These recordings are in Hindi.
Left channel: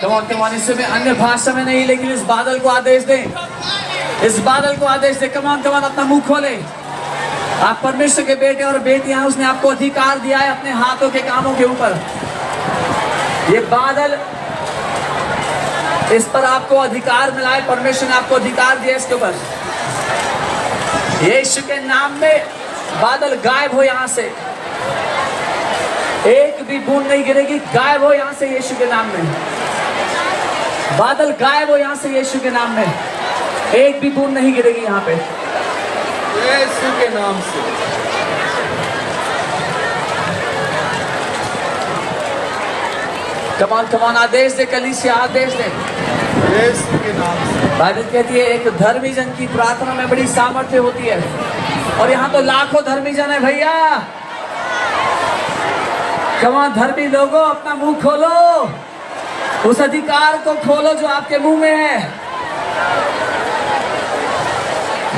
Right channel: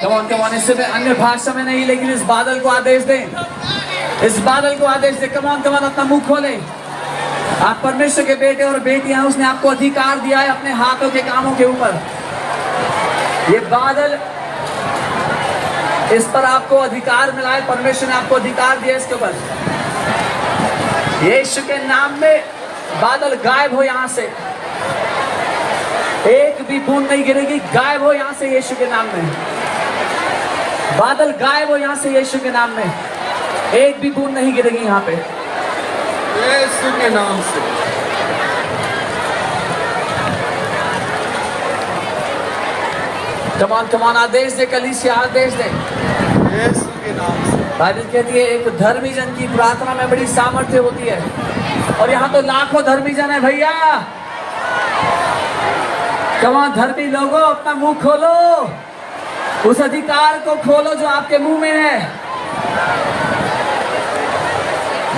कमान इससे में अन्य भाषा में नहीं, लेकिन इस बादल को आदेश दें, इस बादल को आदेश दें। कमान अपना मुंह खोले। आप परमेश्वर के बेटे और बेटियां, उसने आपको अधिकार दिया है अपने हाथों के कामों के ऊपर। ये बादल, इस पर आपको अधिकार मिला है, परमेश्वर ने आपको अधिकार दिया इसके ऊपर। यीशु के नाम में बादल गायब हो यहां से, एक भी बूंद नहीं गिरेगी। गायब हो यहां से यीशु के नाम में। बादल गायब हो यहां से यीशु के नाम में। एक भी बूंद नहीं गिरेगी यहां पे, यीशु के नाम से। कमान आदेश दे, कलीसिया आदेश दे यीशु के नाम से। बाइबल कहती है एक धर्मी जन की प्रार्थना में बड़ी सामर्थ्य होती है, और यहाँ तो लाखों धर्मी जन है भैया। कमान धर्मी लोगों, अपना मुंह खोलो, उस अधिकार को खोलो जो आपके मुंह में है।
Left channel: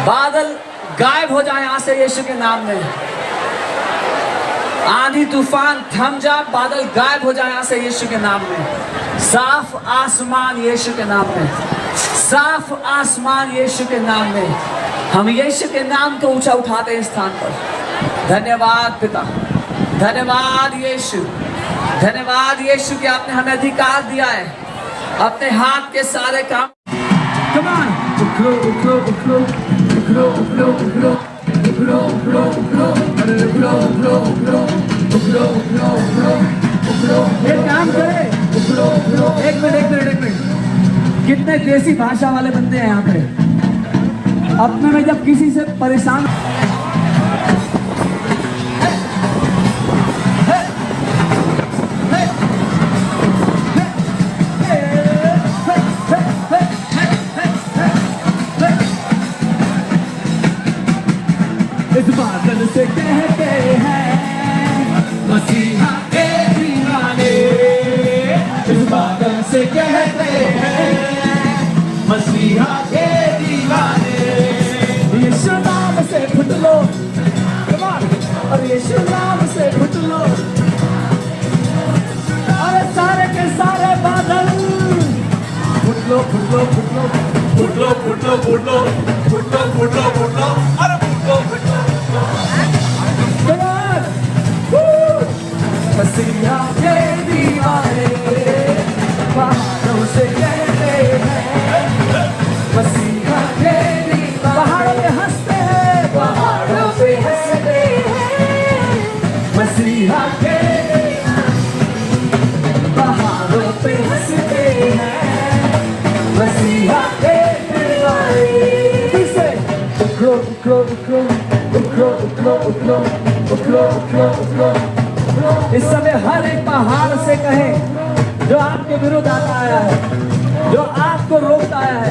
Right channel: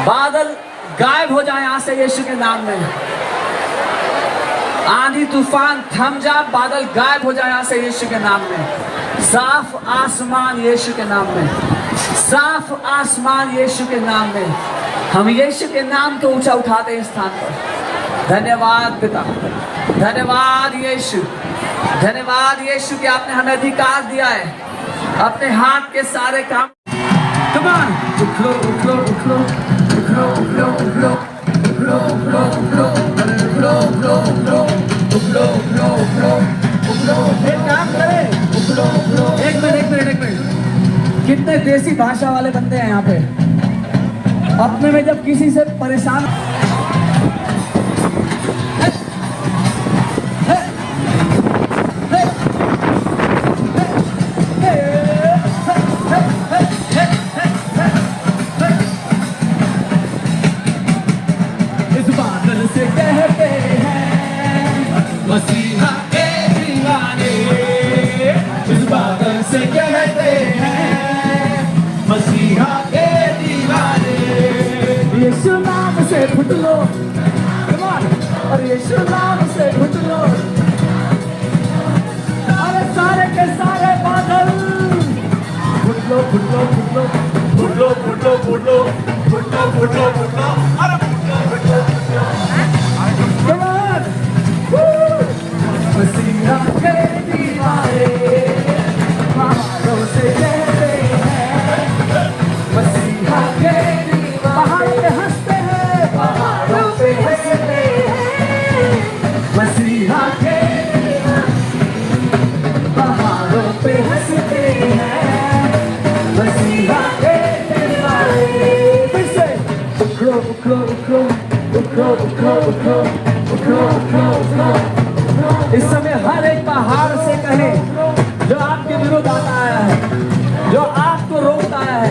बादल गायब हो जाए यहां से यीशु के नाम में। आंधी तूफान थम जा, बादल गायब हो जाए यहां से यीशु के नाम में। साफ आसमान यीशु के नाम में, साफ आसमान यीशु के नाम में। हम यीशु के नाम को ऊंचा उठाते हैं इस स्थान पर। धन्यवाद पिता, धन्यवाद यीशु, धन्यवाद यीशु कि आपने हमें अधिकार दिया है अपने हाथ के सारे काम। एक मिनट, कितने देसी भाषा वाले बंदे हैं यहाँ पे। अपने में जब किसी से परेशान इस बादल से कहते हैं मसीहा के दीवाने, इस बादल से कहते हैं मसीहा के दीवाने। यीशु नाम से फुट लो, और यीशु नाम से फुट लो, अरे सारे के सारे बादल फुट लो, फुट लो, फुट लो, फुट लो, फुट लो, फुट लो, फुट लो, फुट लो, फुट लो, अरे foot low, foot low, foot low. Come on! मसीहा के दीवाने पहाड़ों से कहते हैं, मसीहा के दीवाने पहाड़ों पे हंसते हैं, पहाड़ों पे हंसते हैं, मसीहा के पहाड़ों पे हंसते हैं, मसीहा के दीवाने। फिर से उखलो, उखलो, उखलो, उखलो, उखलो, उखलो, उखलो, उखलो, उखलो। इस समय हर एक पहाड़ से कहें जो आपके विरुद्ध आता है, जो आपको रोकता है,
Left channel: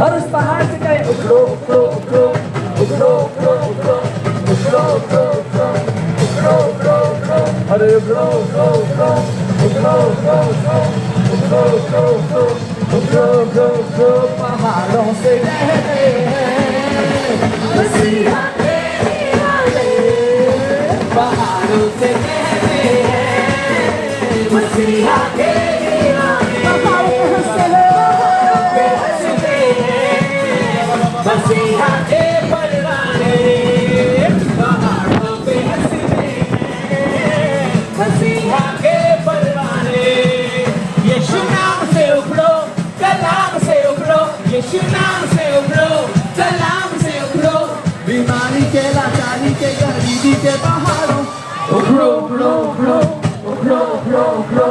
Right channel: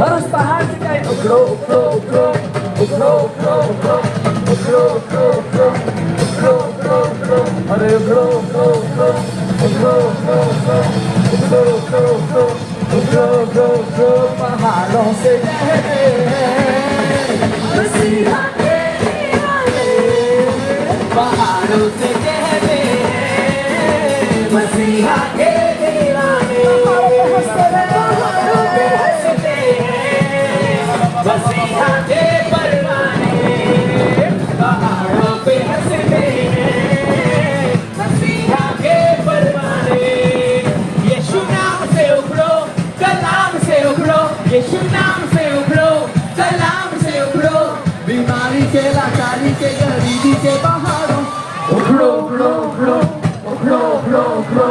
हर उस पहाड़ से कहें उखलो, उखलो, उखलो, उखलो, उखलो, उखलो, उखलो, उखलो, उखलो, उखलो, उखलो, उखलो, अरे उखलो, उखलो, उखलो, उखलो, उखलो, उखलो, उखलो, उखलो, उखलो, उखलो, उखलो। पहाड़ों से कहते हैं मसीहा के दीवाने, पहाड़ों से कहते हैं मसीहा के दीवाने। पहाड़ों पे हंसते हैं, मसीहा के परवाने, पहाड़ों पे हंसते हैं, मसीहा के परवाने। यीशु नाम से उखड़ो, कलाम से उखड़ो, यीशु नाम से उखड़ो, कलाम से उखड़ो। बीमारी के, लाचारी के, गरीबी के पहाड़ों उखड़ो, उखड़ो, उखड़ो, उखड़ो, उखड़ो, उखड़ो,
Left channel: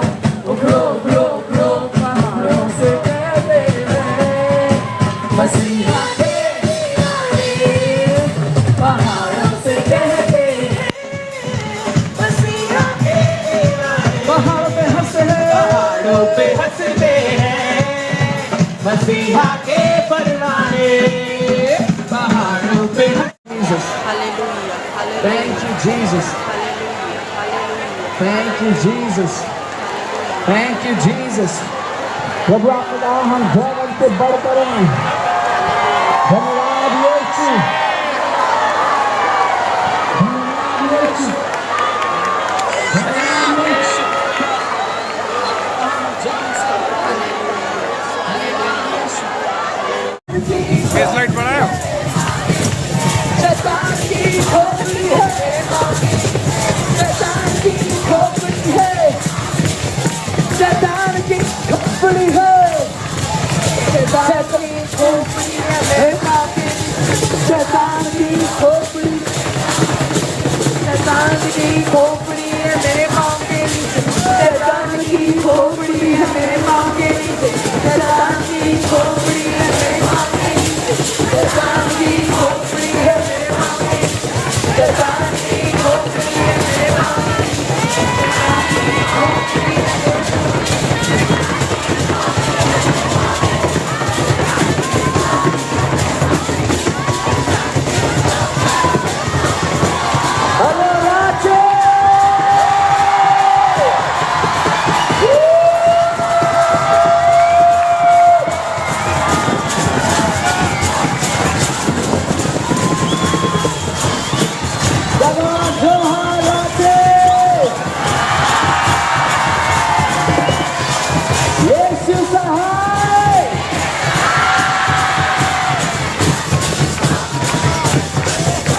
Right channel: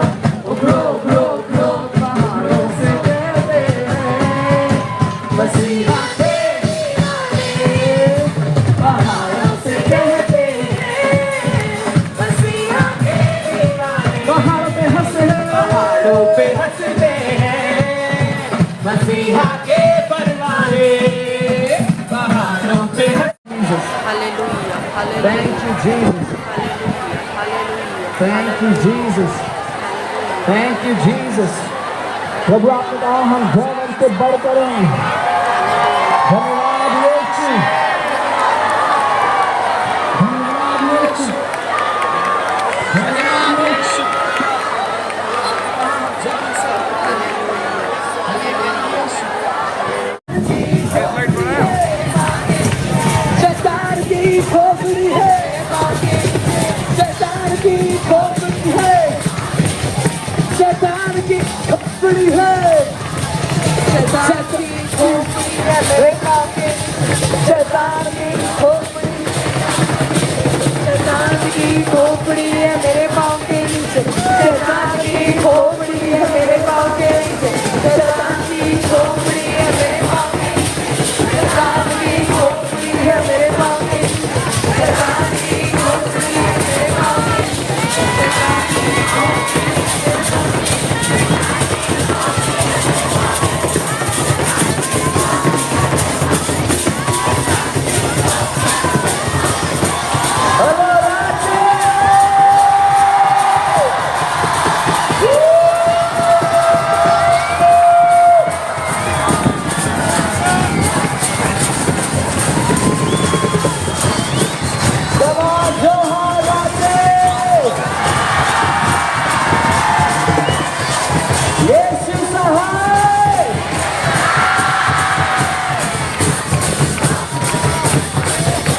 उखड़ो, उखड़ो, उखड़ो। पहाड़ों से कहते हैं मसीहा के दीवाने, पहाड़ों से कहते हैं मसीहा के दीवाने। पहाड़ों पे हंसते हैं, पहाड़ों पे हंसते हैं, मसीहा के परवाने, पहाड़ों पे। Hallelujah, hallelujah. Thank you, Jesus. Thank you, Jesus. Thank you, Jesus. प्रभु आपने कहा हम भगवान से बढ़ करें। धन्यवाद यीशु, धन्यवाद यीशु, धन्यवाद यीशु। खोपड़ी है, शैतान की खोपड़ी है, शैतान की खोपड़ी, शैतान की खोपड़ी है मेरे पाँव के नीचे, शैतान की खोपड़ी है मेरे पाँव के नीचे, शैतान की खोपड़ी है मेरे पाँव के नीचे, शैतान की खोपड़ी है मेरे पाँव के नीचे, शैतान की खोपड़ी है मेरे पाँव के नीचे, शैतान की खोपड़ी है मेरे पाँव के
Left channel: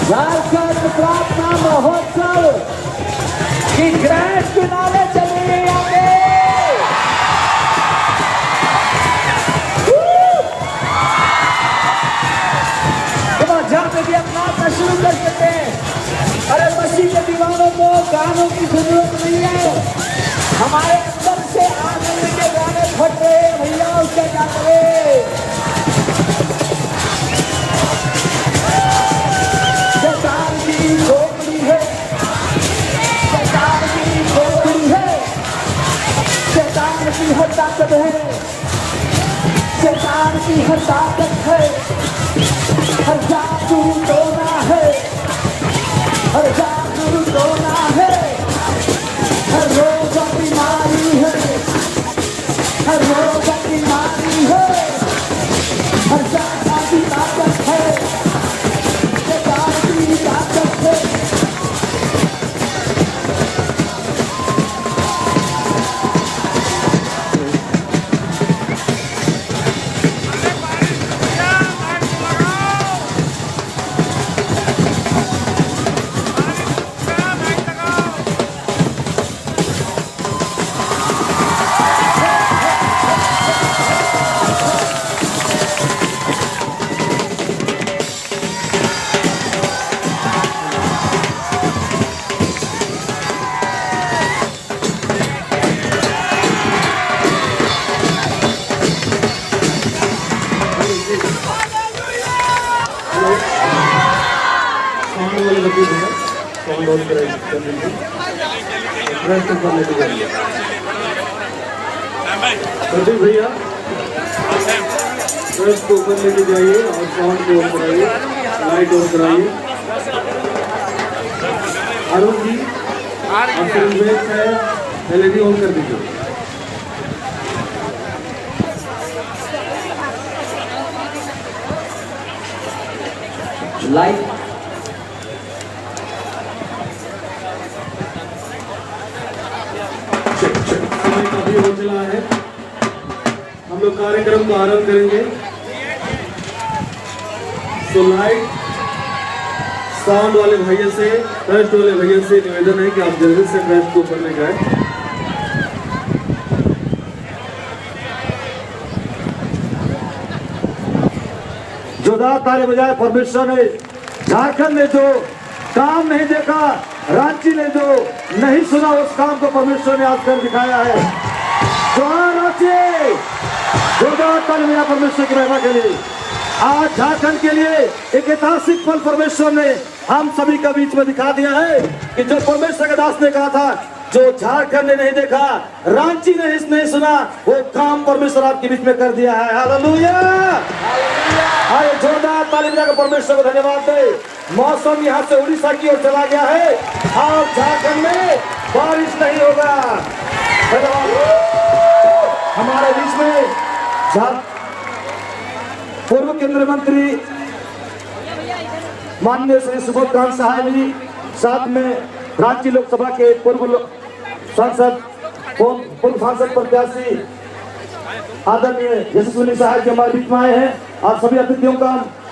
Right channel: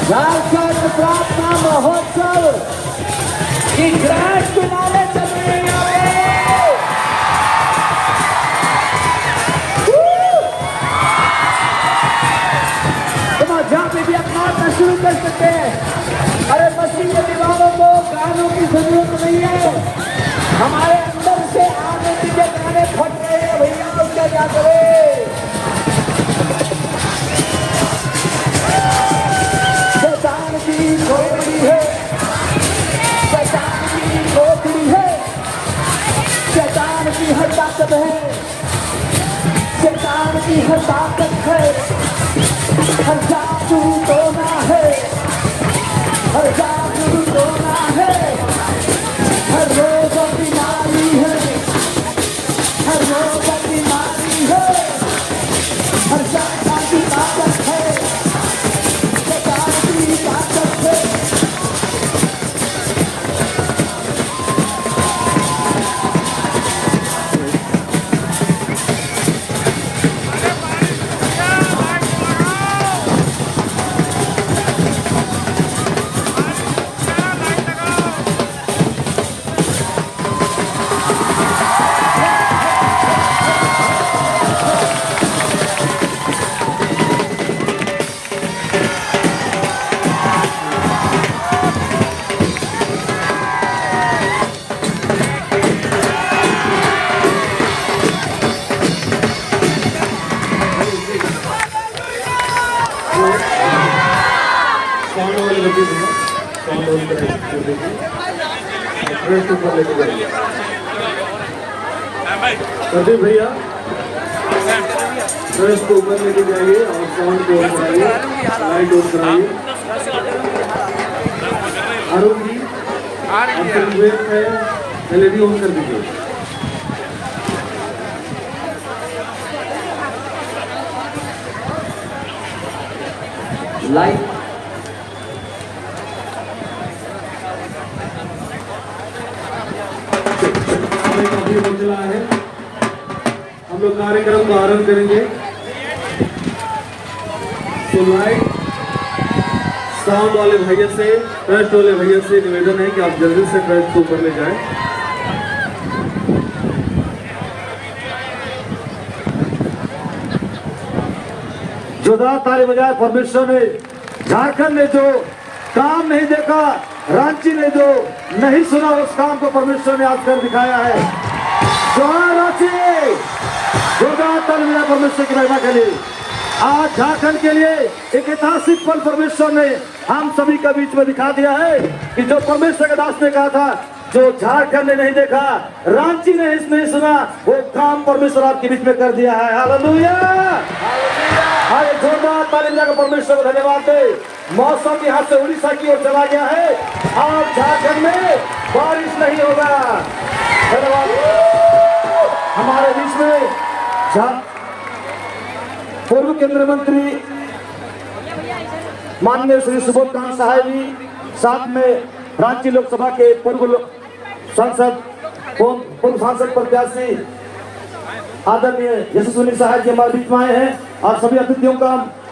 झारखंड प्रार्थना महोत्सव की ग्रैंड फिनाले चलेगी आगे। तुम जहाँ पे भी अपना शुरू कर सकते हैं। अरे मसीह के दीवारों को गानों की जरूरत नहीं है, हमारे अंदर से आनंद के गाने फट रहे हैं भैया, उसका क्या करे। शैतान की खोपड़ी है, शैतान की खोपड़ी है, शैतान की हर ताकत है, शैतान की हर ताकत है, हर जादू टोना है, हर जादू टोना है, हर रोग बीमारी है, हर रोग बीमारी है, हर शैतान की ताकत है, शैतान की ताकत है। साउंड वाले रखी होगा, साउंड वाले रेस्ट ऊपर लेके जाइए प्रदीप भैया, रेस्ट को ऊपर लेके जाइए और साउंड को ऑन कराइए, लाइट ऑन कराइए। अरुण जी LED ऑन कर दीजिए। लाइट समय काफी हो चला है, हम लोग कार्यक्रम को आरंभ करेंगे। तो लाइट साउंड वाले भैया से, ट्रस्ट वाले भैया से निवेदन है कि आप जल्दी से ट्रस्ट को ऊपर ले जाएं। जोरदार ताली बजाए। परमेश्वर ने झारखंड में जो काम नहीं देखा, रांची ने जो नहीं सुना, उस काम को परमेश्वर ने आज कर दिखाया है। जोहार रांची, जोरदार ताली बजाए परमेश्वर की महिमा के लिए। आज झारखंड के लिए एक ऐतिहासिक पल परमेश्वर ने हम सभी के बीच में दिखा दिया है कि जो परमेश्वर के दास ने कहा था, जो झारखंड ने नहीं देखा, रांची ने नहीं सुना, वो काम परमेश्वर आपके बीच में कर दिया है। हालेलुया। जोरदार ताली बजाकर परमेश्वर को धन्यवाद दे। मौसम यहाँ से उड़ीसा की ओर चला गया है, आज झारखंड में बारिश नहीं होगा। धन्यवाद। हमारे बीच में पूर्व केंद्रीय मंत्री माननीय श्री सुबोध कांत सहाय जी, साथ में रांची लोकसभा के पूर्व सांसद प्रत्याशी आदरणीय यशस्विनी सहाय जी हमारे बीच में आए हैं। आज सभी अतिथियों का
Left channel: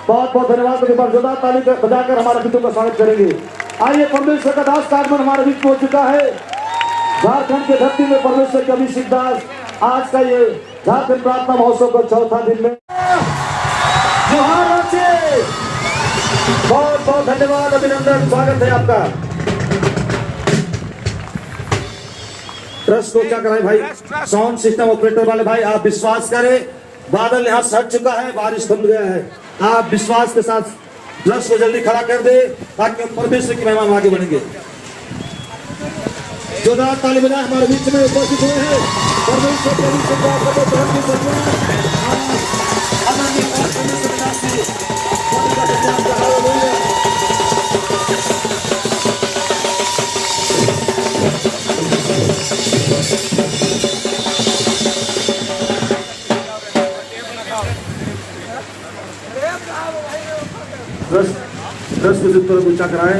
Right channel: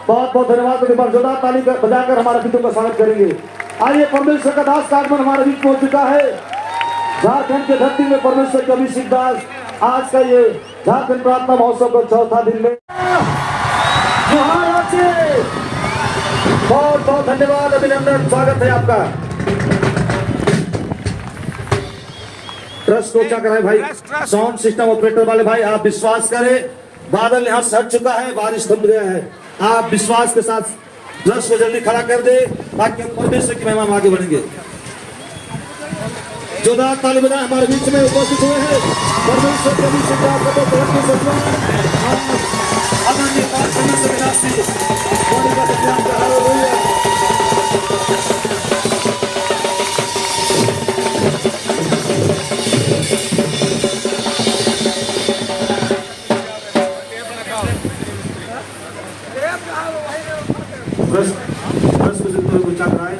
बहुत बहुत धन्यवाद देकर जोरदार ताली बजाकर हमारे अतिथियों का स्वागत करेंगे। आइए, परमेश्वर का दास आगमन हमारे बीच में हो चुका है। झारखंड के धरती में परमेश्वर के अभिषेक दास आज का ये झारखंड प्रार्थना महोत्सव का चौथा दिन में जोहार रांची। बहुत बहुत धन्यवाद, अभिनंदन, स्वागत है आपका। ट्रस्ट को क्या कराए भाई, साउंड सिस्टम ऑपरेटर वाले भाई, आप विश्वास करें, बादल यहाँ सट चुका है, बारिश थम गया है। आप विश्वास के साथ ट्रस्ट को जल्दी खड़ा कर दे ताकि हम परमेश्वर की महिमा में आगे बढ़ेंगे। जोरदार ताली बजाएं, हमारे बीच में उपस्थित हुए हैं परमेश्वर के अभिषेक को आपको बहुत बहुत सम्मान। पीछा कराए,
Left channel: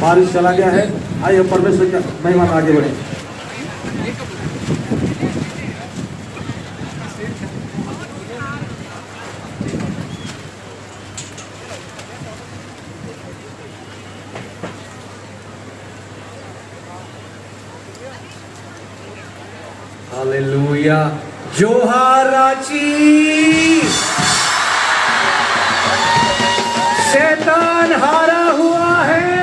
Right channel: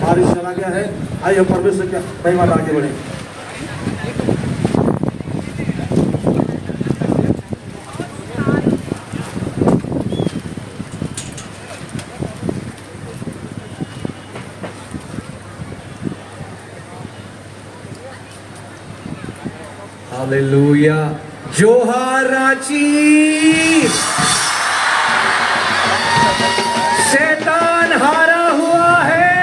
बारिश चला गया है, आइए परमेश्वर के महिमा में आगे बढ़े। हालेलुया, जोहार रांची। शैतान हारा हुआ है,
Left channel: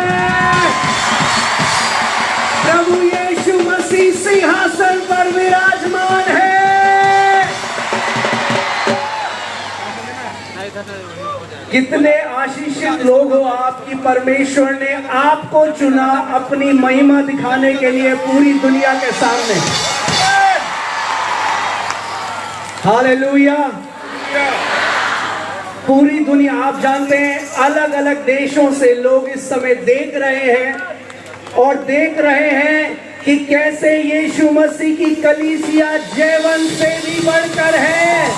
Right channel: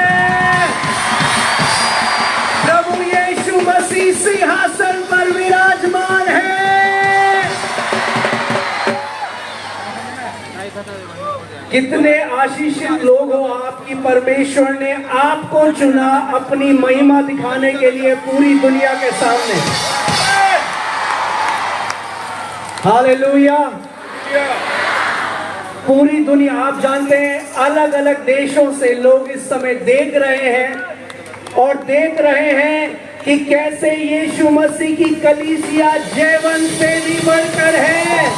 प्रभु यीशु मसीह सिंहासन पर विराजमान है। कितने आशीषित लोग हो आपकी परमेश्वर ने आपको चुना अपनी महिमा दिखाने के लिए पूरी दुनिया के सामने। हालेलुया। पूरी दुनिया, आप जानते हैं अलग अलग देशों से लोग इस समय देख रहे हैं और देख रहे हैं कि कैसे यीशु मसीह की कलीसिया जयवन से भी बढ़कर है।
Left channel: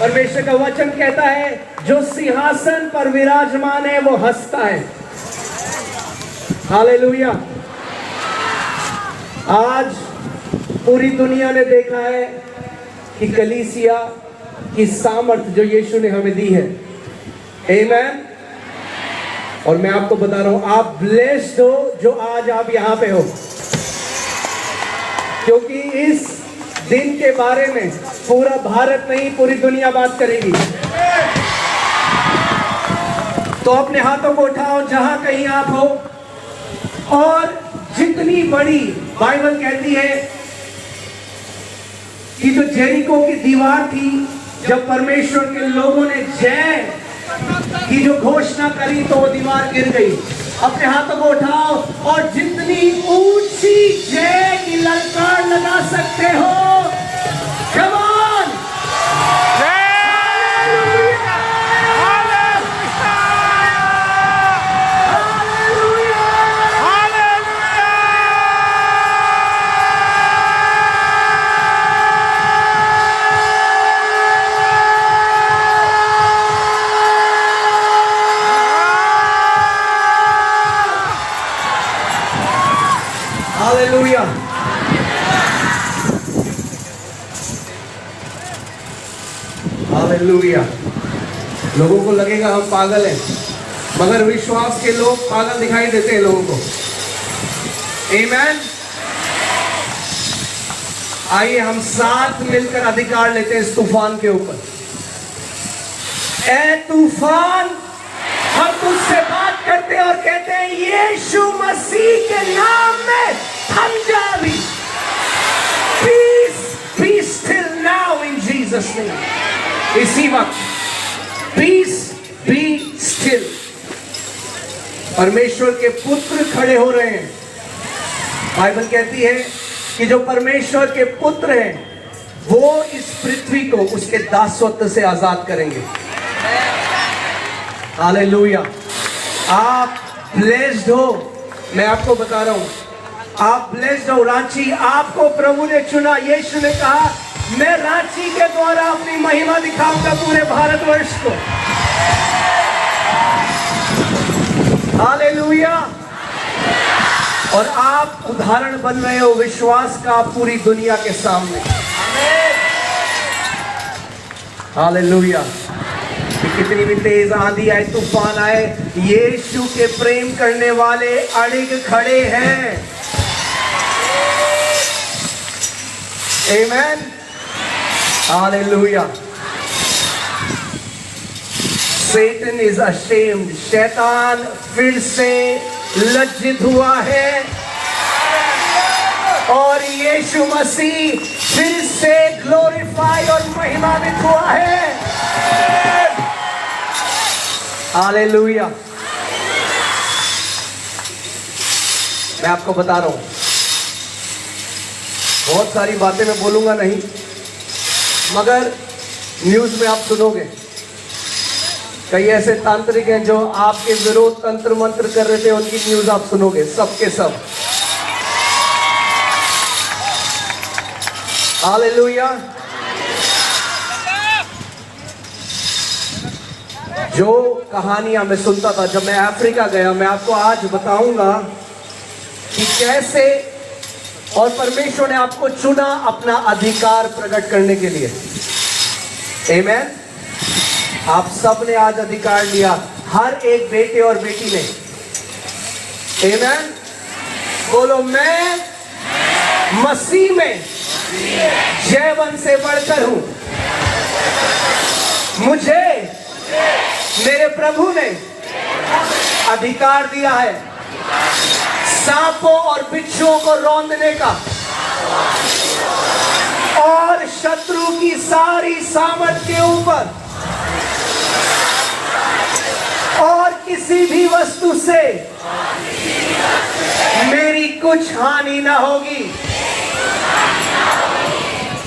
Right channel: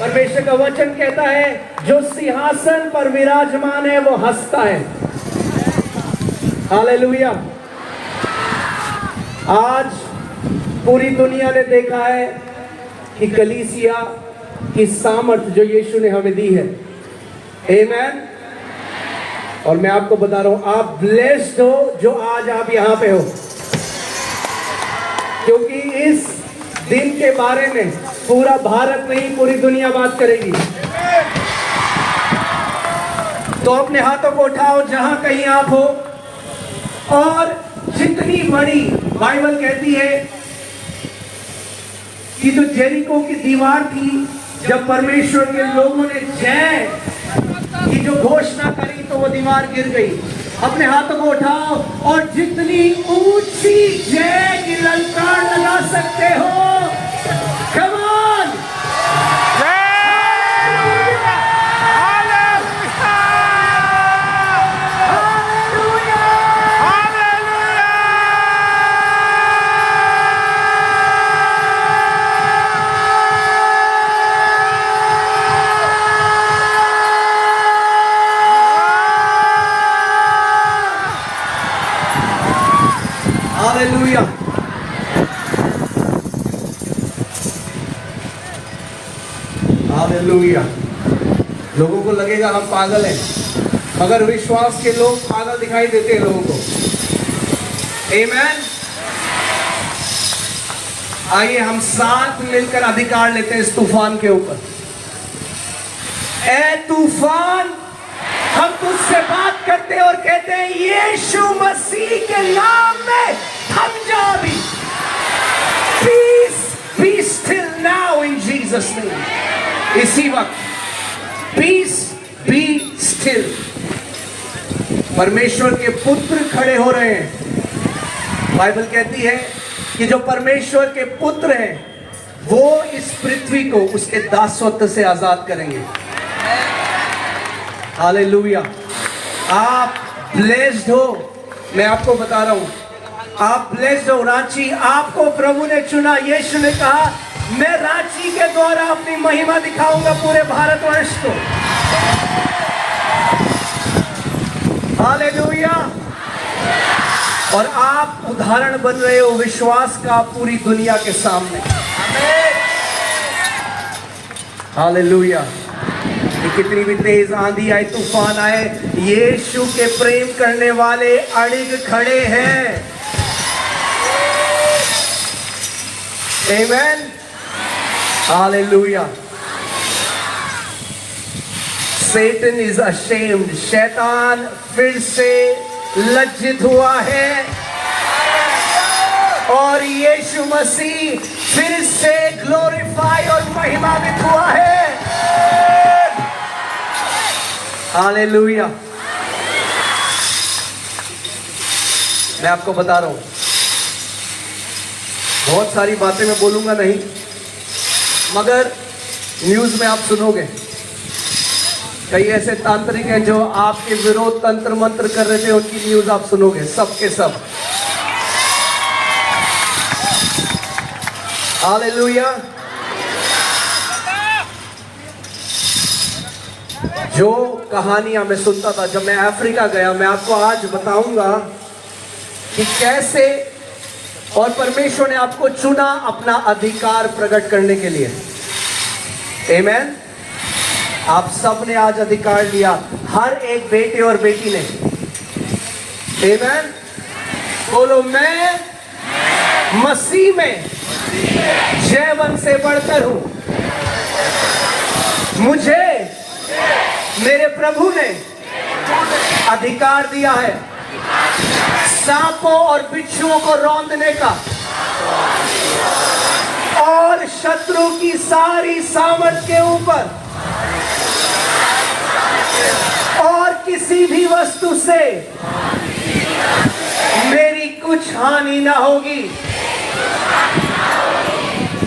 परमेश्वर का वचन कहता है जो सिंहासन पर विराजमान है वो हंसता है। हालेलुया। आज पूरी दुनिया ने देखा है कि कलीसिया की सामर्थ जो यीशु ने हमें दी है। आमीन। और मैं आपको बता रहा हूं, आप ब्लेस्ड हो जो आज आप यहां पे हो, क्योंकि इस दिन के बारे में पूरा भारत नहीं पूरी दुनिया बात करेगी। तो अपने हाथों को उठाओ जहां कहीं आप हो, और जितनी बड़ी बाइबल कहती है कि जो जेरिको की दीवार थी, जब परमेश्वर के लोगों ने जय की जो घोषणा करी तो वो दीवार गिर गई। अपने हाथों को उठाओ और जितनी ऊंची जय की ललकार लगा सकते हो, come on! हालेलुया। हालेलुया। लोगों को लगेगा हम पागल हैं, मगर विश्वास के लोग पागल दिखाई देते हैं लोगों को। आमीन। आइए हम साथ मिलकर अधिकार लेते हैं इस तूफान के ऊपर। ए तूफान, हम तुझसे बात करते हैं और कहते हैं यीशु मसीह के नाम में थम जा भी। Peace be still now in Jesus name। इसी वक्त peace be still। परमेश्वर के पुत्र खड़े हो रहे हैं। बाइबल कहती है कि जो परमेश्वर के पुत्र हैं वो इस पृथ्वी को उसके दासत्व से आजाद करेंगे। हालेलुया। आप ब्लेस्ड हो, मैं आपको बता रहा हूं, आप ब्लेस्ड हो। रांची, आपको प्रभु ने चुना। यीशु ने कहा मैं रांची के द्वारा अपनी महिमा दिखाऊंगा पूरे भारतवर्ष को। हालेलुया। और आप उदाहरण बन रहे हो विश्वास का पूरी दुनिया के सामने। हालेलुया। कितनी भी तेज आंधी आए, तूफान आए, यीशु के प्रेम करने वाले अड़िग खड़े हैं। Amen. Hallelujah. Satan is ashamed. शैतान फिर से लज्जित हुआ है और यीशु मसीह फिर से ग्लोरीफाई और महिमान्वित हुआ है। हालेलुया। मैं आपको बता रहा हूं, बहुत सारी बातें मैं बोलूंगा नहीं, मगर न्यूज में आप सुनोगे कई ऐसे तांत्रिक हैं जो आपके विरोध तंत्र मंत्र कर रहे थे, उनकी न्यूज आप सुनोगे, सबके सब। हालेलुया। जो कहानियां मैं सुनता था जब मैं अफ्रीका गया, मैं आपको आज बताऊंगा कि कैसे और परमेश्वर ने आपको चुना अपना अधिकार प्रकट करने के लिए। आमेन। आप सब ने आज अधिकार लिया, हर एक बेटे और बेटी ने। आमेन। बोलो, मैं मसीह में जीवन से बढ़कर हूं। मुझे मेरे प्रभु ने अधिकार दिया है सांपों और बिच्छुओं को रौंदने का और शत्रु की सारी सामर्थ के ऊपर, और किसी भी वस्तु से मेरी कुछ हानि ना होगी।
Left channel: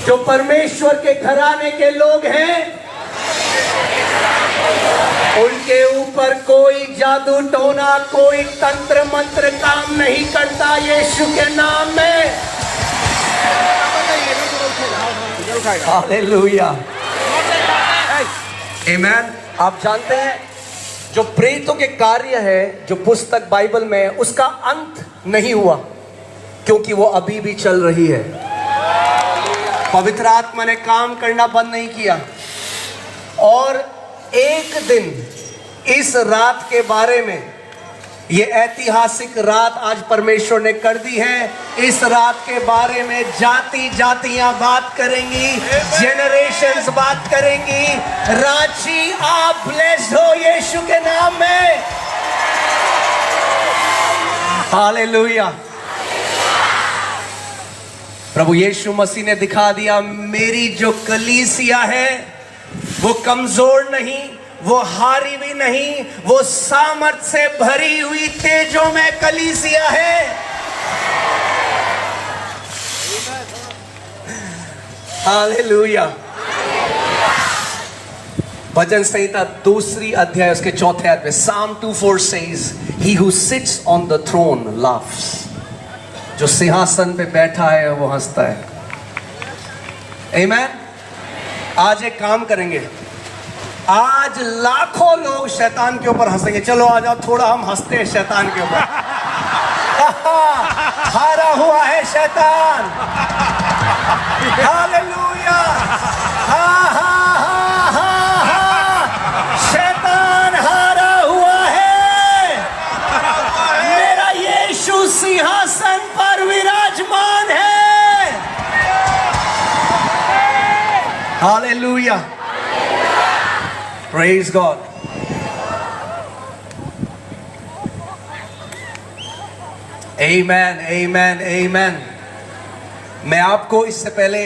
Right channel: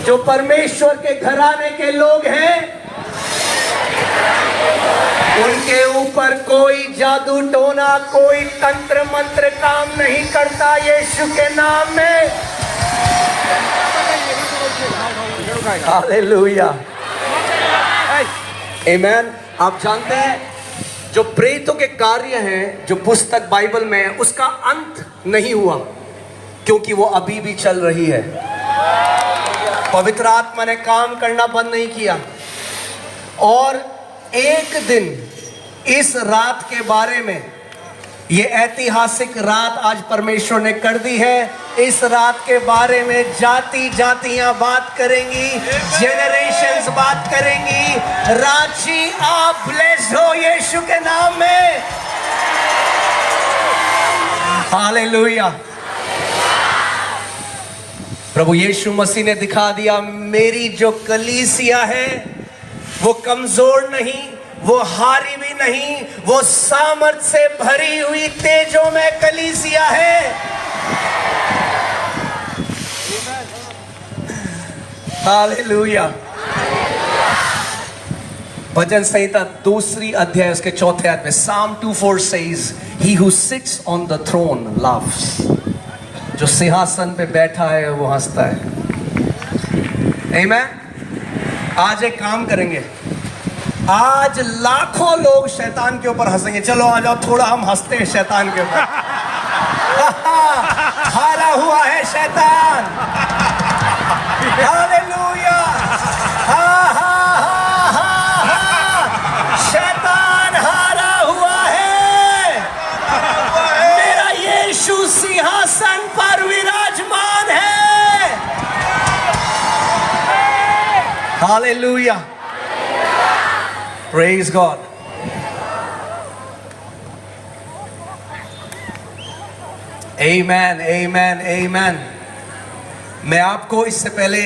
जो परमेश्वर के घराने के लोग हैं उनके ऊपर कोई जादू टोना, कोई तंत्र मंत्र काम नहीं करता यीशु के नाम में। हालेलुया। आमेन। आप जानते हैं जो प्रेरितों के कार्य है जो पुस्तक बाइबल में, उसका अंत नहीं हुआ, क्योंकि वो अभी भी चल रही है। पवित्र आत्मा ने काम करना बंद नहीं किया। और एक दिन इस रात के बारे में, ये ऐतिहासिक रात आज परमेश्वर ने कर दी है। इस रात के बारे में जाति जातियां बात करेंगी, जेनरेशंस बात करेंगी। रांची, आप ब्लेस्ड हो यीशु के नाम में। हालेलुया। प्रभु यीशु मसीह ने दिखा दिया, मेरी जो कलीसिया है वो कमजोर नहीं, वो हारी भी नहीं, वो सामर्थ से भरी हुई तेजों में कलीसिया है। हालेलुया। भजन संहिता 2 अध्याय उसके 4 आयत में Psalm 2:4 says, He who sits on the throne laughs. जो सिंहासन पे बैठा है वो हंसता है। आमेन। आज एक काम करेंगे, आज लाखों लोग शैतान के ऊपर हंसेंगे। चलो आ जाओ, थोड़ा हम हंसते हैं शैतान के ऊपर। हारा हुआ है शैतान। हालेलुया। हाँ हाँ हाँ हाँ हाँ, शैतान हारा हुआ है। मेरा यीशु सिंहासन पर विराजमान है। Hallelujah. Praise God. Amen, amen, amen. मैं आपको इससे पहले,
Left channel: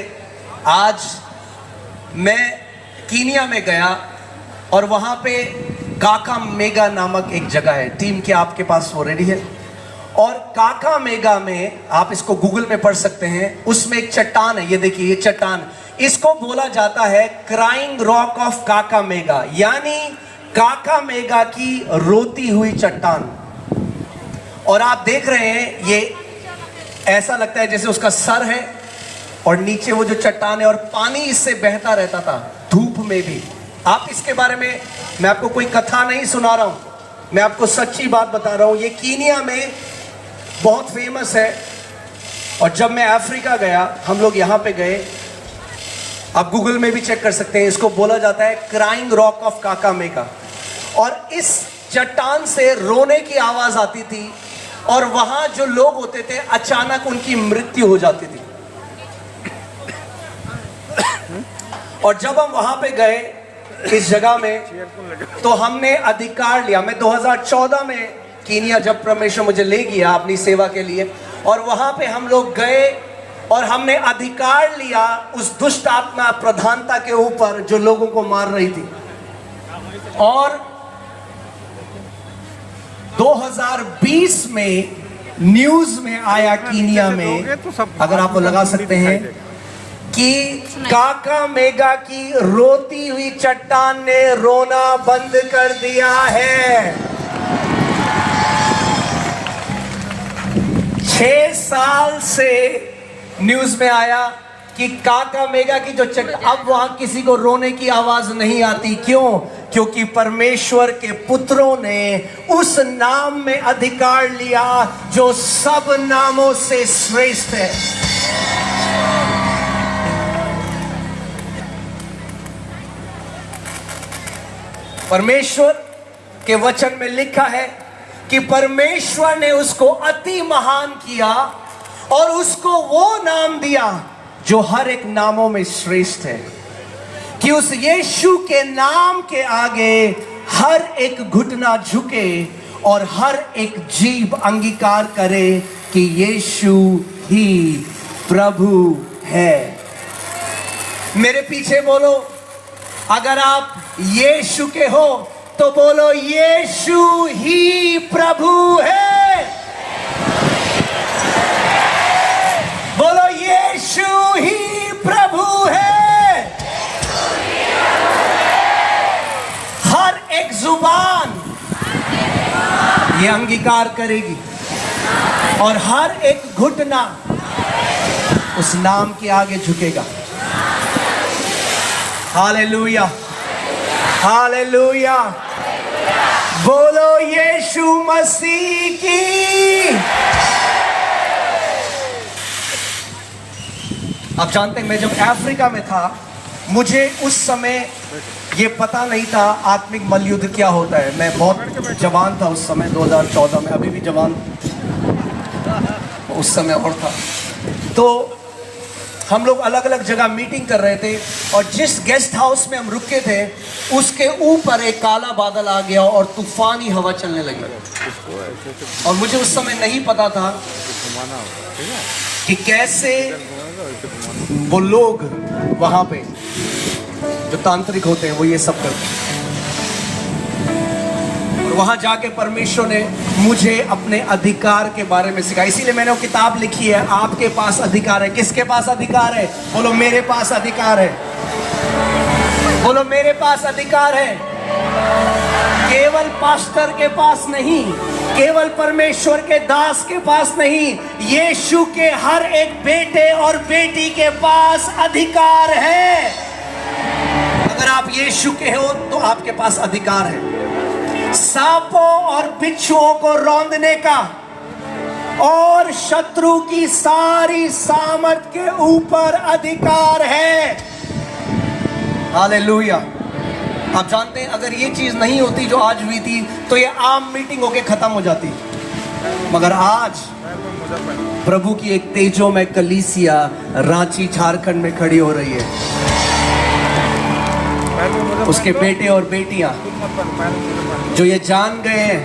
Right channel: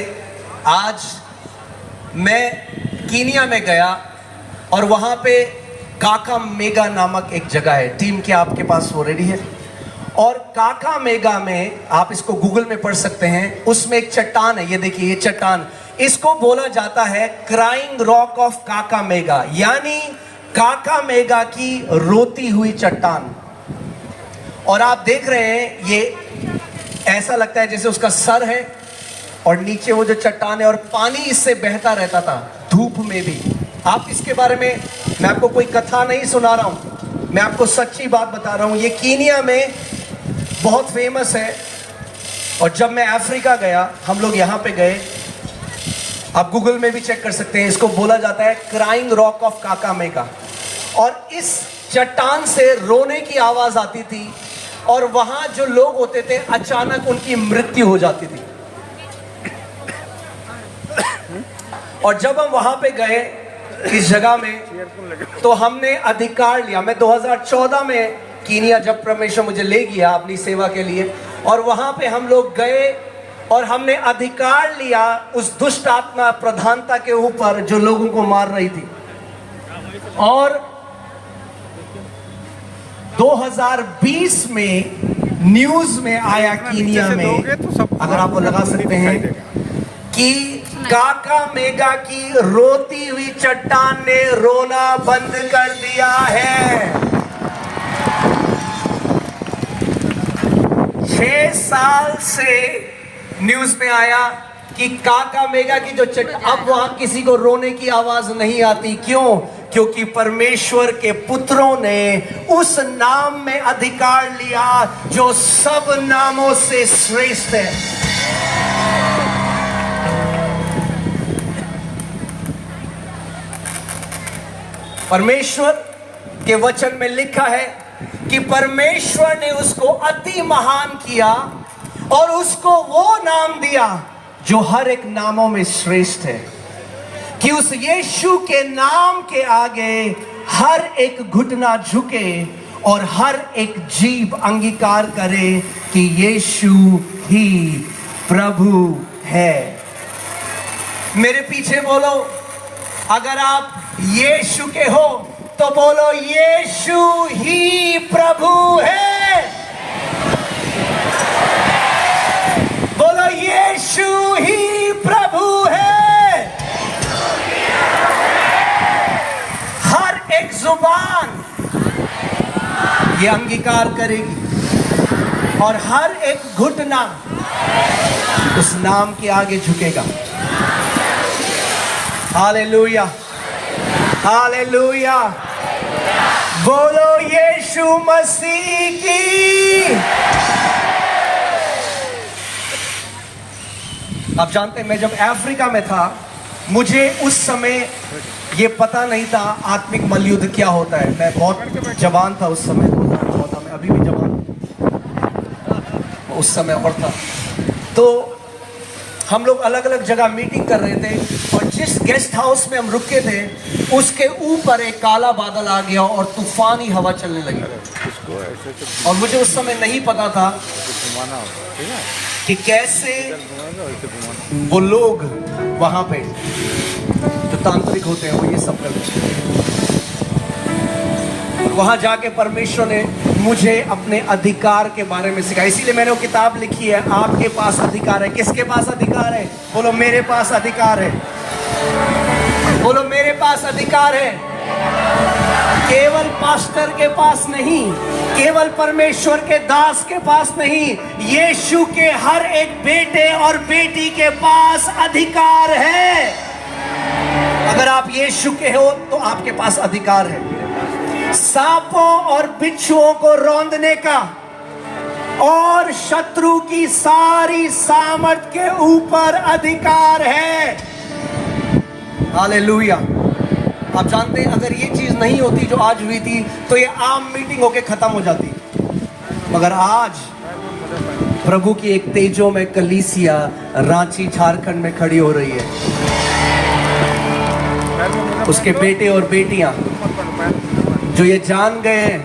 आज मैं कीनिया में गया और वहां पे काकामेगा नामक एक जगह है। टीम क्या आपके पास वो रेडी है? और काकामेगा में, आप इसको गूगल में पढ़ सकते हैं, उसमें एक चट्टान है। ये देखिए, ये चट्टान, इसको बोला जाता है क्राइंग रॉक ऑफ काकामेगा, यानी काकामेगा की रोती हुई चट्टान। और आप देख रहे हैं, ये ऐसा लगता है जैसे उसका सर है और नीचे वो जो चट्टान है, और पानी इससे बहता रहता था धूप में भी। आप इसके बारे में, मैं आपको कोई कथा नहीं सुना रहा हूं, मैं आपको सच्ची बात बता रहा हूं। ये कीनिया में बहुत फेमस है। और जब मैं अफ्रीका गया, हम लोग यहां पे गए, आप गूगल में भी चेक कर सकते हैं, इसको बोला जाता है क्राइंग रॉक ऑफ काकामेगा। और इस चट्टान से रोने की आवाज आती थी, और वहां जो लोग होते थे अचानक उनकी मृत्यु हो जाती थी। और जब हम वहां पे गए इस जगह में, तो हमने अधिकार लिया। मैं 2014 में कीनिया जब परमेश्वर मुझे ले गया अपनी सेवा के लिए, और वहां पे हम लोग गए और हमने अधिकार लिया उस दुष्ट आत्मा प्रधानता के ऊपर जो लोगों को मार रही थी। और 2020 में न्यूज में आया कीनिया में, अगर आपको लगा सकते हैं, कि काका मेगा की रोती हुई चट्टान ने रोना बंद कर दिया है। 6 साल से न्यूज में आया कि काका मेगा की जो अब वहां किसी को रोने की आवाज नहीं आती। क्यों? क्योंकि परमेश्वर के पुत्रों ने उस नाम में अधिकार लिया जो सब नामों से श्रेष्ठ है। परमेश्वर के वचन में लिखा है कि परमेश्वर ने उसको अति महान किया और उसको वो नाम दिया जो हर एक नामों में श्रेष्ठ है, कि उस यीशु के नाम के आगे हर एक घुटना झुके और हर एक जीभ अंगीकार करे कि यीशु ही प्रभु है। मेरे पीछे बोलो, अगर आप यीशु के हो तो बोलो, यीशु ही प्रभु है। बोलो, यीशु ही प्रभु है। हर एक जुबान ये अंगीकार करेगी और हर एक घुटना उस नाम के आगे झुकेगा। Hallelujah, hallelujah. बोलो यीशु मसीह की। आप जानते हैं, मैं जब अफ्रीका में था, मुझे उस समय ये पता नहीं था आत्मिक मल्लयुद्ध क्या होता है। मैं बहुत जवान था उस समय, 2014 में, अभी भी जवान उस समय और था। तो हम लोग अलग अलग जगह मीटिंग कर रहे थे और जिस गेस्ट हाउस में हम रुके थे उसके ऊपर एक काला बादल आ गया और तूफानी हवा चलने लगी। और मुझे उस समय नहीं पता था कि कैसे वो लोग वहां पे जो तांत्रिक होते हैं वो ये सब करते हैं। और वहां जाके परमेश्वर ने मुझे अपने अधिकार के बारे में सिखाया। इसीलिए मैंने वो किताब लिखी है, आपके पास अधिकार है। किसके पास अधिकार है? बोलो, मेरे पास अधिकार है। बोलो, मेरे पास अधिकार है। केवल पास्टर के पास नहीं, केवल परमेश्वर के दास के पास नहीं, यीशु के हर एक बेटे और बेटी के पास अधिकार है। अगर आप यीशु के हो तो आपके पास अधिकार है। सांपों और बिच्छुओं को रौंदने का और शत्रु की सारी सामर्थ के ऊपर अधिकार है। हालेलुया। आप जानते हैं, अगर ये चीज नहीं होती जो आज हुई थी तो ये आम मीटिंग होके खत्म हो जाती, मगर आज प्रभु की एक तेजो में कलीसिया रांची झारखंड में खड़ी हो रही है। उसके बेटे और बेटियां जो ये जान गए हैं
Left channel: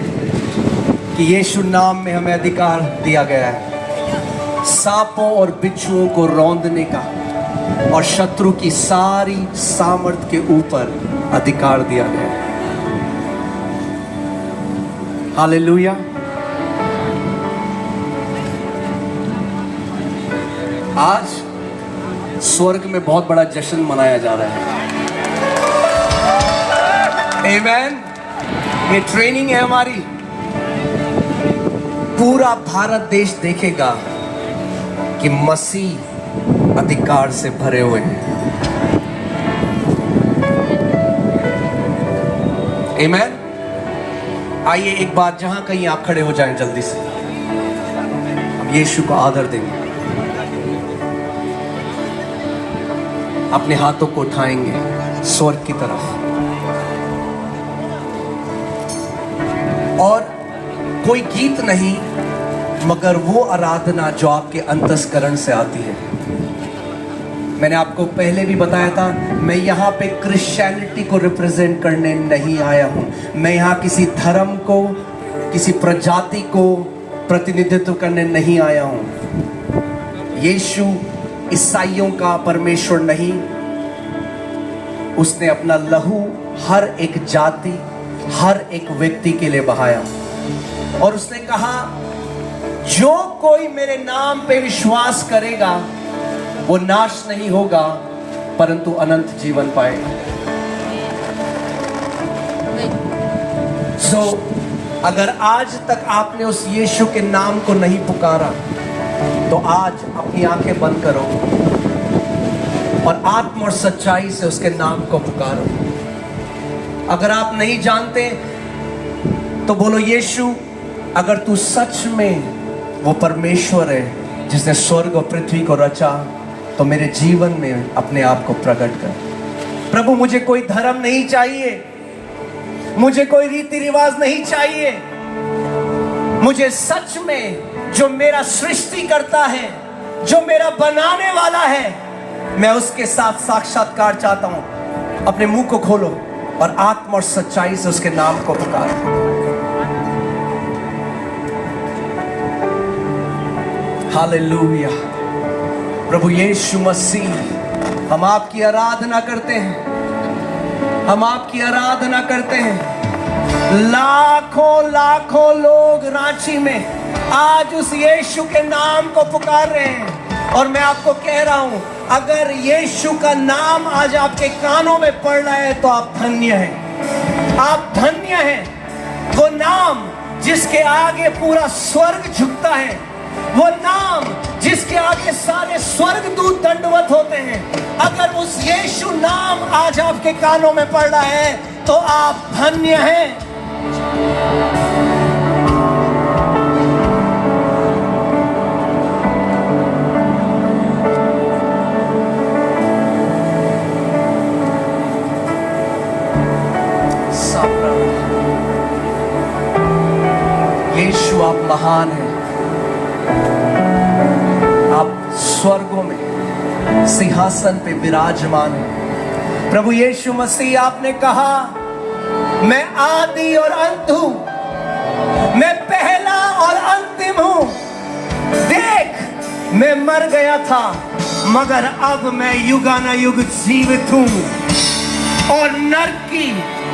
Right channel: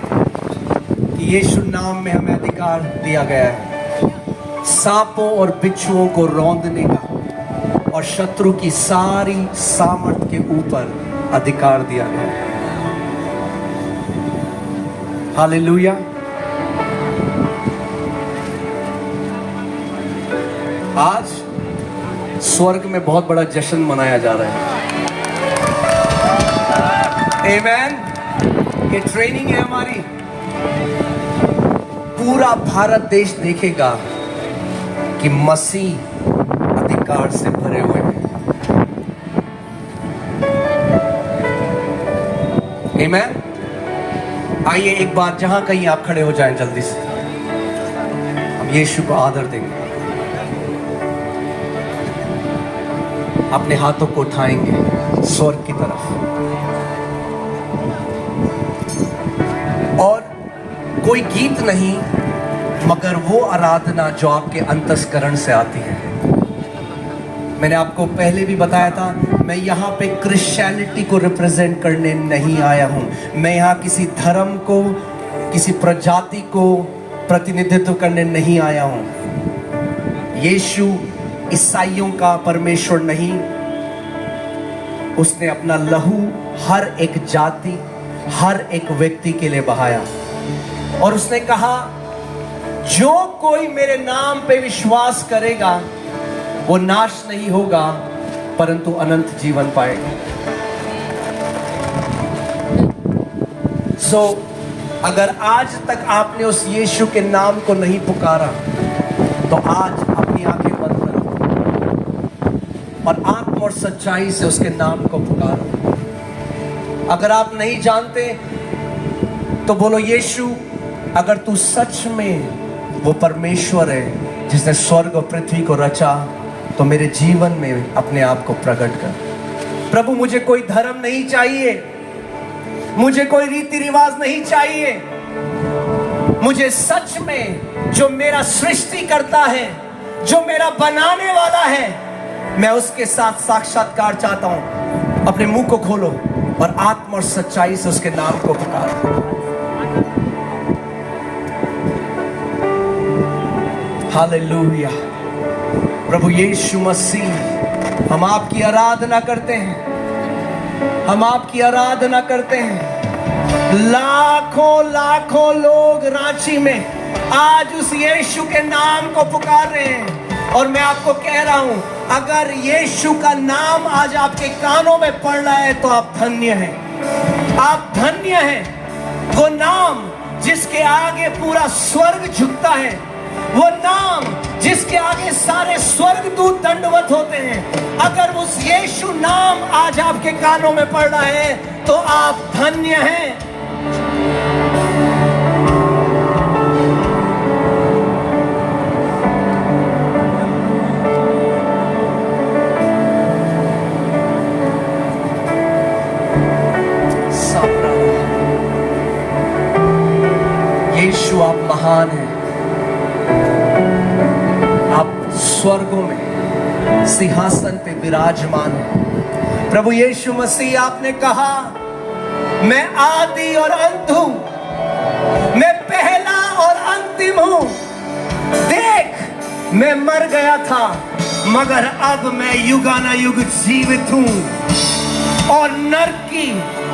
कि यीशु नाम में हमें अधिकार दिया गया है सांपों और बिच्छुओं को रौंदने का और शत्रु की सारी सामर्थ के ऊपर अधिकार दिया गया है। हालेलुया। आज स्वर्ग में बहुत बड़ा जश्न मनाया जा रहा है। आमेन। ये ट्रेनिंग है हमारी। पूरा भारत देश देखेगा कि मसीह अधिकार से भरे हुए हैं। आमेन। आइए एक बार जहां कहीं आप खड़े हो जाएं जल्दी से, हम यीशु को आदर देंगे। अपने हाथों को उठाएंगे स्वर्ग की तरफ और कोई गीत नहीं मगर वो आराधना जो आपके अंतस्करण से आती है। मैंने आपको पहले भी बताया था, मैं यहाँ पे क्रिश्चियनिटी को रिप्रेजेंट करने नहीं आया हूँ। मैं यहाँ किसी धर्म को, किसी प्रजाति को प्रतिनिधित्व करने नहीं आया हूँ। यीशु ईसाइयों का परमेश्वर नहीं, उसने अपना लहू हर एक जाति, हर एक व्यक्ति के लिए बहाया और उसने कहा, जो कोई मेरे नाम पे विश्वास करेगा वो नाश नहीं होगा परंतु अनंत जीवन पाएगा। अगर आज तक आपने उस यीशु के नाम को नहीं पुकारा तो आज अपनी आंखें बंद करो और आत्म और सच्चाई से उसके नाम को पुकारो। अगर आप नहीं जानते तो बोलो, यीशु अगर तू सच में वो परमेश्वर है जिसने स्वर्ग और पृथ्वी को रचा, तो मेरे जीवन में अपने आप को प्रकट कर। प्रभु, मुझे कोई धर्म नहीं चाहिए, मुझे कोई रीति रिवाज नहीं चाहिए, मुझे सच में जो मेरा सृष्टि करता है, जो मेरा बनाने वाला है, मैं उसके साथ साक्षात्कार चाहता हूं। अपने मुंह को खोलो और आत्मा और सच्चाई से उसके नाम को पुकारो। हालेलुया। प्रभु यीशु मसीह, हम आपकी आराधना करते हैं, हम आपकी आराधना करते हैं। लाखों लाखों लोग रांची में आज उस यीशु के नाम को पुकार रहे हैं और मैं आपको कह रहा हूं, अगर यीशु का नाम आज आपके कानों में पड़ रहा है तो आप धन्य हैं, आप धन्य हैं। वो नाम जिसके आगे पूरा स्वर्ग झुकता है, वो नाम जिसके आगे सारे स्वर्ग दूत दंडवत होते हैं, अगर उस यीशु नाम आज आपके कानों में पड़ रहा है तो आप धन्य हैं। यीशु, आप महान हैं, आप स्वर्गों में सिंहासन पे विराजमान हैं। प्रभु यीशु मसीह, आपने कहा, मैं आदि और अंत हूं, मैं पहला और अंतिम हूं। देख, मैं मर गया था मगर अब मैं युगानुयुग जीवित हूं और नरक की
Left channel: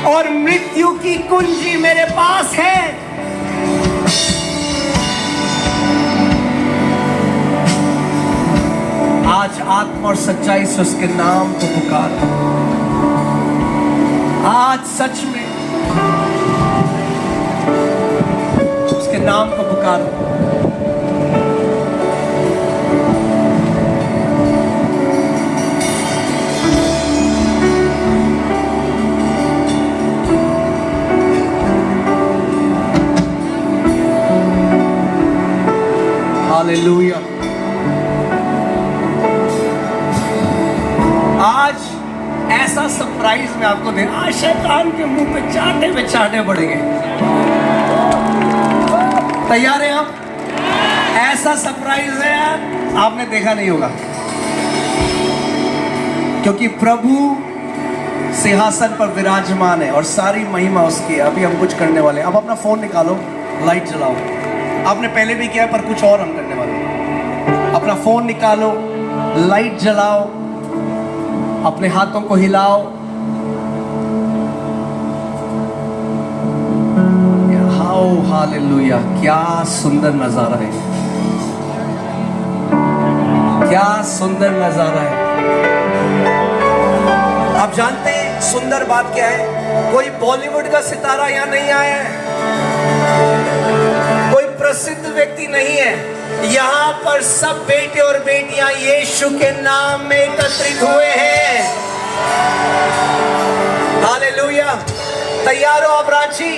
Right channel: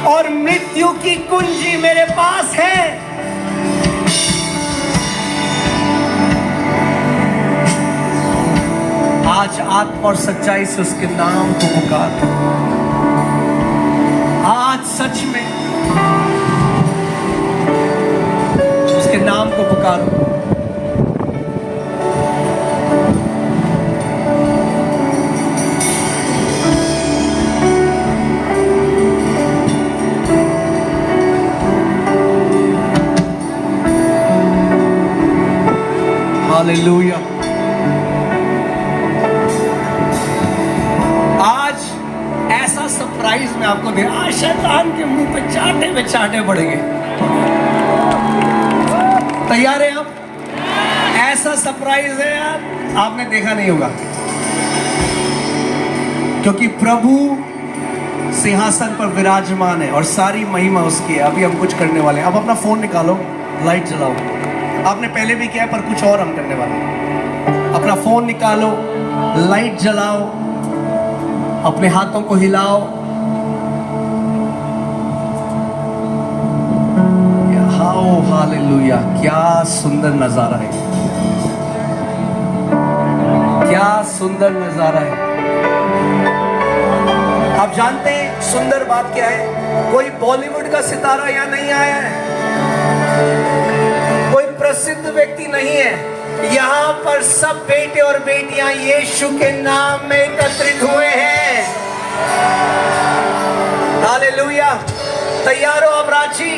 और मृत्यु की कुंजी मेरे पास है। आज आत्मा और सच्चाई से उसके नाम को पुकारो। आज सच में उसके नाम को पुकारो। हालेलुया। आज ऐसा सरप्राइज मैं आपको दे, आज शैतान के मुंह पे चाटे पड़ेंगे। तैयार है हम? ऐसा सरप्राइज है आपने देखा नहीं होगा, क्योंकि प्रभु सिंहासन पर विराजमान है और सारी महिमा उसकी है। अभी हम कुछ करने वाले हैं। अब अपना फोन निकालो, लाइट जलाओ। आपने पहले भी किया पर कुछ और हम करने वाले हैं। अपना फोन निकालो, लाइट जलाओ, अपने हाथों को हिलाओ। हाओ हालेलुया। क्या सुंदर नजारा है, क्या सुंदर नजारा है। आप जानते हैं सुंदर बात क्या है? कोई बॉलीवुड का सितारा यहाँ नहीं आया है, कोई प्रसिद्ध व्यक्ति नहीं है। यहाँ पर सब बेटे और बेटियां यीशु के नाम में एकत्रित हुए हैं। हालेलुया। तैयार हो आप रांची?